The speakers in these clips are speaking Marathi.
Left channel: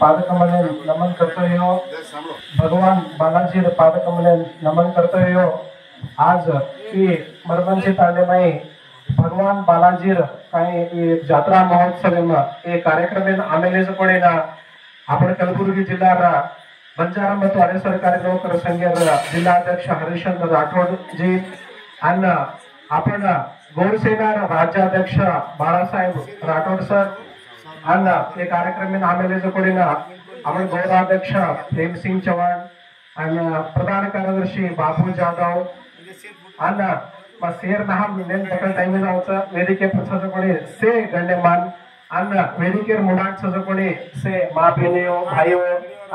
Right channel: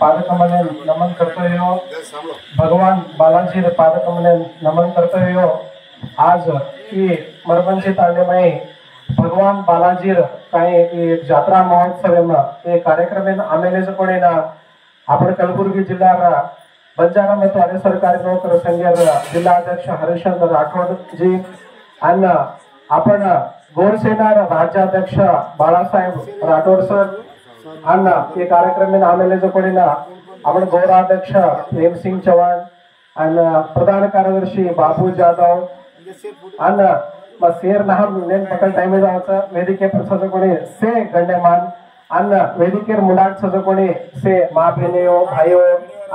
पादकमले नमन करतोयो। भगवान बालाजी पादकमले नमन करतोयो। आज ಈ ಮರಗಂಚಿ ತಾಂಡೆಮೈ भगवान बालाजी काही जात्रा महोत्सव कार्यक्रम आमेले कोणीना आपण कलबुर्गी जिल्हा बंजारा ಮತ್ತು ಅರೆ ಸರ್ಕಾರಿ ನೌಕರ ಸಂಘದ जिल्हाध्यक्ष हरिश्चंद्र राठोड जी आणि आपण गोरसेना राज्याध्यक्ष बाळासाहेब राठोड सर आणि ये कार्यक्रम आमेले कोणीना आपण गौराध्यक्ष प्रेमसिंग चव्हाण आणि प्रधान कार्यदर्शी बाबू जाधव आणि शेर नहार नेम पकड टाइम वेदिके सजकोणी से गण्यमान अन्न वेदिकेर मुंडाट सजकोणी से माँ बहनियों भाइयों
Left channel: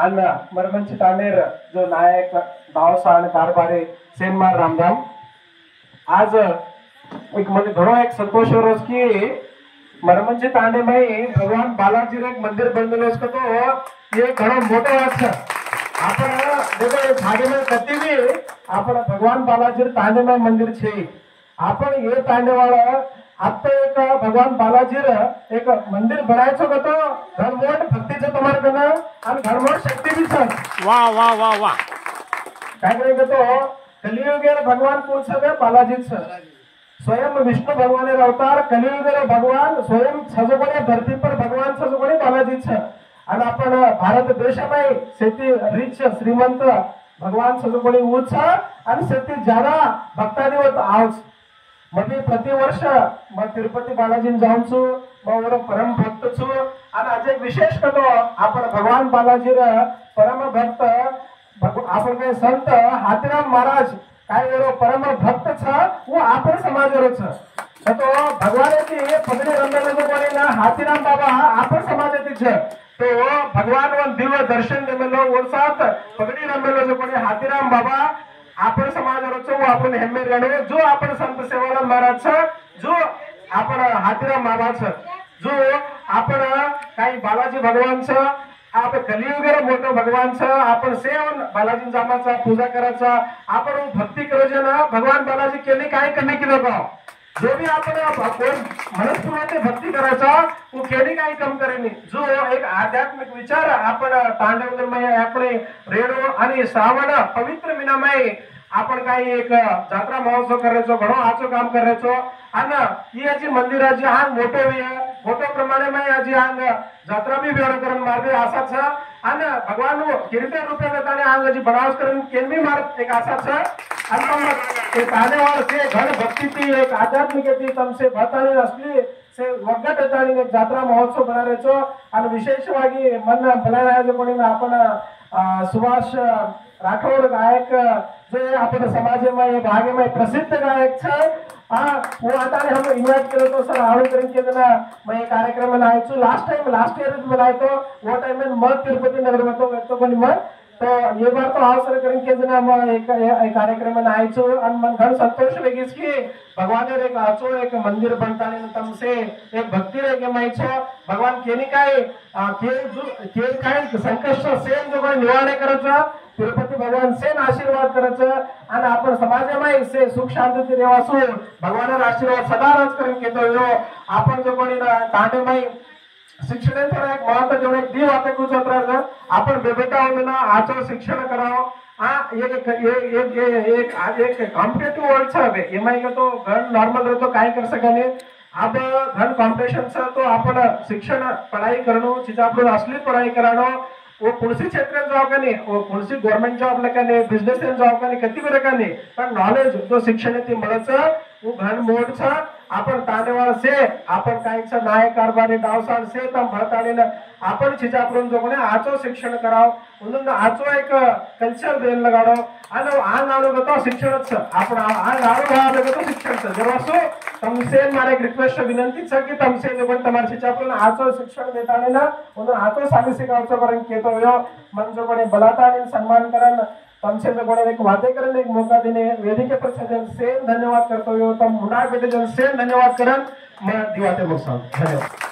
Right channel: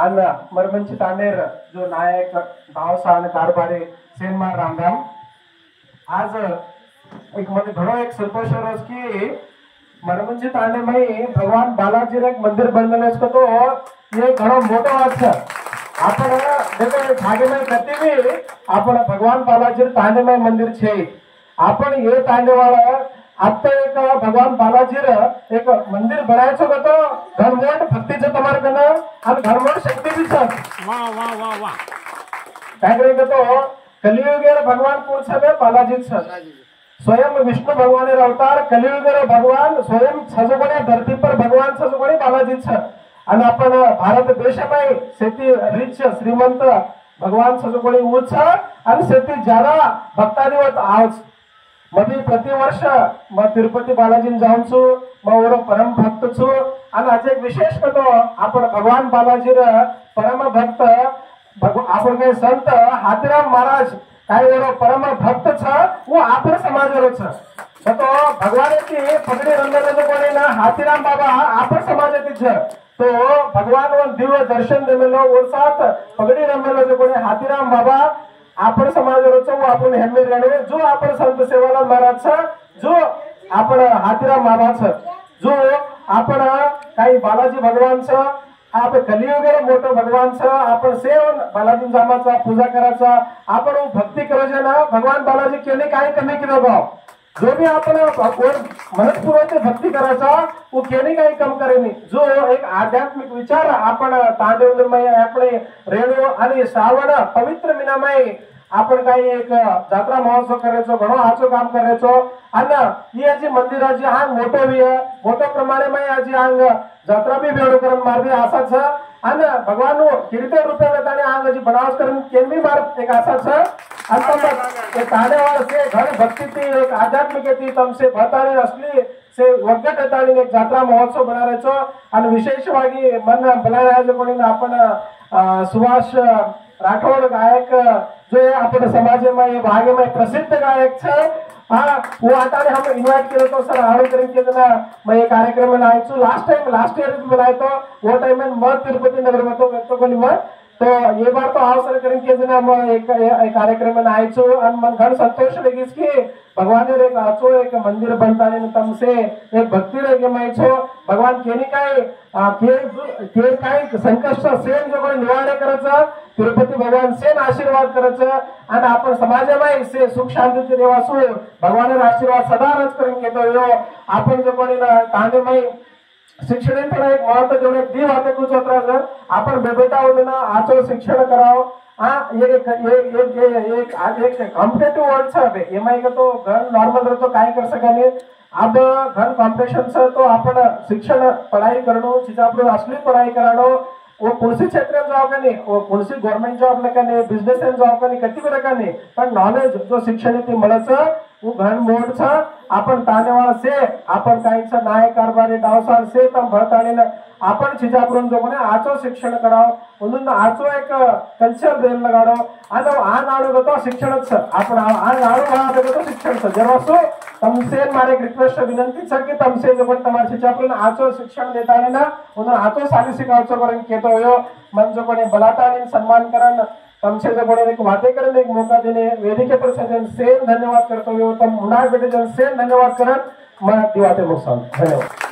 अन्न मरमंच तानेर जो नायक दावसान कारभारी सेनमार रामधाम आज एक म्हणजे घणो एक संतोष रोज की मरमंच तांडे में भगवान बालाजी एक मंदिर बनलेलो तो ये घणो मोठो वाच आपण देखो भागे में कती भी आपण भगवान बालाजी तांडेमय मंदिर छे आपण ये तांडेवाड़ा आता एक भगवान बालाजी एक मंदिर बनायचो तो धर्मोट भक्तीचं तुम्हार कना आणि धर्मोट शक्ती भी छ वाह वाह वाह वाह काय करे तो कलियुगेर भगवान कौन सा बालाजी छ स्वयं विष्णु भगवान अवतार कलियुगेर भगवान स्वयं सजगुणे धरती पर भगवान सजगुणे बालाजी छ आणि आपण भारत देश में शेती रिच श्रीमंत भगवान सजगुणे उच्च आणि शेती ज्यादा भक्तादिवत आहोत मधी प्रतिवर्ष मैं तिरुपति बालाजी जाऊन छु मैं परम भक्त छु आणि आज एक विशेष कतो आपण भगवान बालाजी परम भक्त आपण काय संत हाथीराम महाराज काय परम भक्त छ वो आपण समाज छ तो भगवान की ये पगड़ी रंगले जो बोले ना हाथीराम बाबा आपण समाज छ तो भगवान वो दिव्य दर्शन देमेलो वो साथ पगड़ी रंगले जो बोले हाथीराम बाबा आपण समाजाचं वो आपण हेम्मे गाणे जो आपण संत सेवालाल महाराज जो आपण हाथीराम महाराज जो आपण काही बालाजी भगवान आप कलियुगेर मोठो भगवान आपण सेवन बालाजी जामाचा पूजा करायचा आपण भक्ती करायचे ना भगवान बालाजी केले काय कमी केलं बा जो भी आपण मनस्पूर्वक भक्ती करायचा वो केली काही कम करेनी जो एक आध्यात्मिक विचार आपण तांडवमय आपले रेणू आणि श्रावण पवित्र महिनामय आपण काही एक जात्रा महोत्सव करायचो घणो आचो काम करायचो आणि ही जी मंदिराची हा मोठो भी मोठ्या प्रमाणे में आजी आंग जात्रा भी भेडो करून मारबी आसाच आणि भगवान किरते रूपे गताने आंग जी बनावस करून केन भी मार एक आसाच आणि मग एक आनेवाल से घण भक्ति थी एक आध्यात्मिक थी तमसे भतानी असली से वगत ताणी एक जात्रा महोत्सव बनारायचो आणि विशेषವಾಗಿ मन बलाराज कोणी आपण सुभाष राठोड गायक जो आपण समाज में भाग में प्रसिद्ध गायक छे हाँ वो आता हम इनवाइट करे तो सर आड़ो करके ना मैं ये कार्यक्रम में आया छु लास्ट ईयर बनाया तो वो टाइम में मैं तिरुपति नगर में तो कोनी मैं तो ये बार तो अवसर करके जना मैं एक कार्यक्रम में आया छु और मन घण संतोष वेगीस की भगवान ने एक आचो एक मंदिर बनताने तम से एक भक्ति लेके मैं छो भगवान केनी के काय संकष्ट सेन जो कोणी निवाडे करायचं तिरुपति भगवान सेन आशीर्वाद करायचं आणि आपण समाजामध्ये से सुख शांती देवासू भगवान आशीर्वाद सदा रच करून घेतो आपण जो कोणी तांडेमय शिक्षणाचा एक महत्व जो एक दी वाते कुछ अत्र आपण बेबेटा होना आचो शिक्षण कराओ हां एक कॉम्पिटिटिव वर्ल्ड छे एमआई के तो घर नॉर्मल रहतो काय कर सकेने अब घर कॉम्पिटिशन से तो आपण शिक्षण पढ़ाई करनो चीज आपण असली पढ़ाई करानो वो कुणसी क्षेत्र जॉब करने वो कुणसी गवर्नमेंट जॉब लकने बिजनेस एंड जॉब करने कती भी रकने पण नॉलेज जो शिक्षण ती मळच वो घण मोड छ आपण तानेवाळ से आपण काहीच नायक कारभारी डावसाळ से तम भरताने आपण छिजापुरम जो कोने आचो शिक्षण कराव म्हणून आचो एक कल्चर देन लगाडो आणि आ नाडू गतो शिक्षणच आपण आ नाडू भाव गतो शिक्षणच जरसो तमसे मारे एक रिक्वेस्ट विनंती छ की तमसे जो कोण तमार छिजापुरम आचो शिक्षण देताने ना म्हणून आचो साली शिकावचो करून केतो यो मन जो कोने बलाताने सन्मान करन तमसे जो कोने एक वादे करने एक मौका देने वेदिके पर सजन से धन्यवाद करतो यो तम मुना बेटे जन से धन्यवाद करन मैं दिवाते मौसम धन्यवाद।